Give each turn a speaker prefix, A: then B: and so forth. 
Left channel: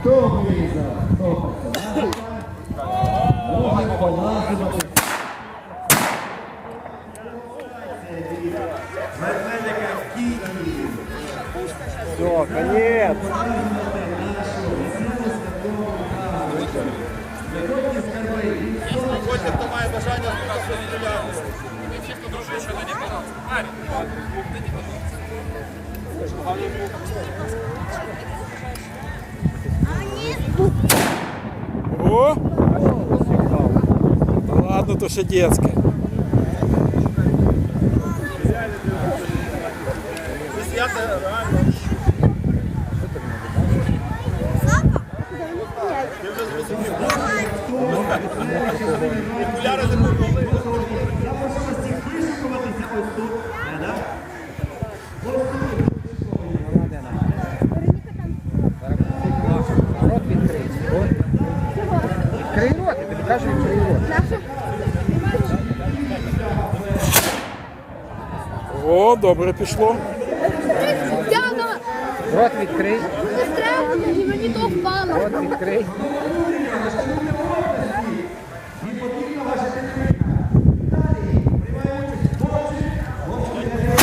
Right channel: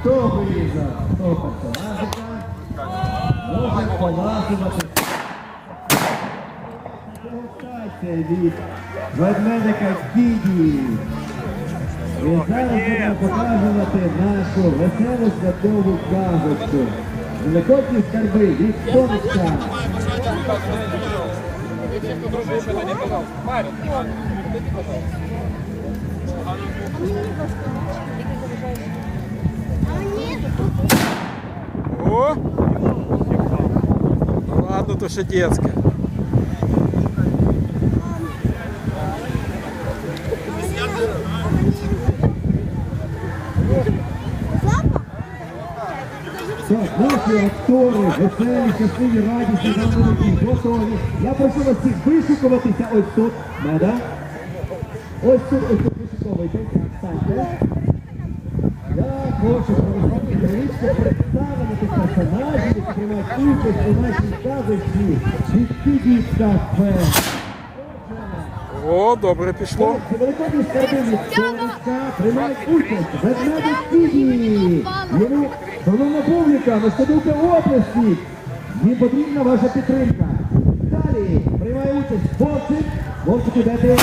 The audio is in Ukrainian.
A: Хто вирізав? Хто персонажика? Може поласувати. Дегустація від ведмедика Діді. І зараз будемо показувати нашу веселу святкову казочку. Великодні скарби від сонечка.
B: Має
C: О! Да ладно, то ще детське.
A: Тож наші актори, веселі, щасливі, радісні, нові, готові. Я прошу вас всіх вишикуватися ось тут. Меда. Ось тут, ось тут вишиковуйтесь. Станьте. Я хочу персонажів, які приймають участь у нашій казочці від Тіді
C: О, добре пішло.
A: Шановна публіка, шкодуйте оплески. Їм потрібна ваша підтримка. Далі приймає участь Вовчик. Вовчик, де ти?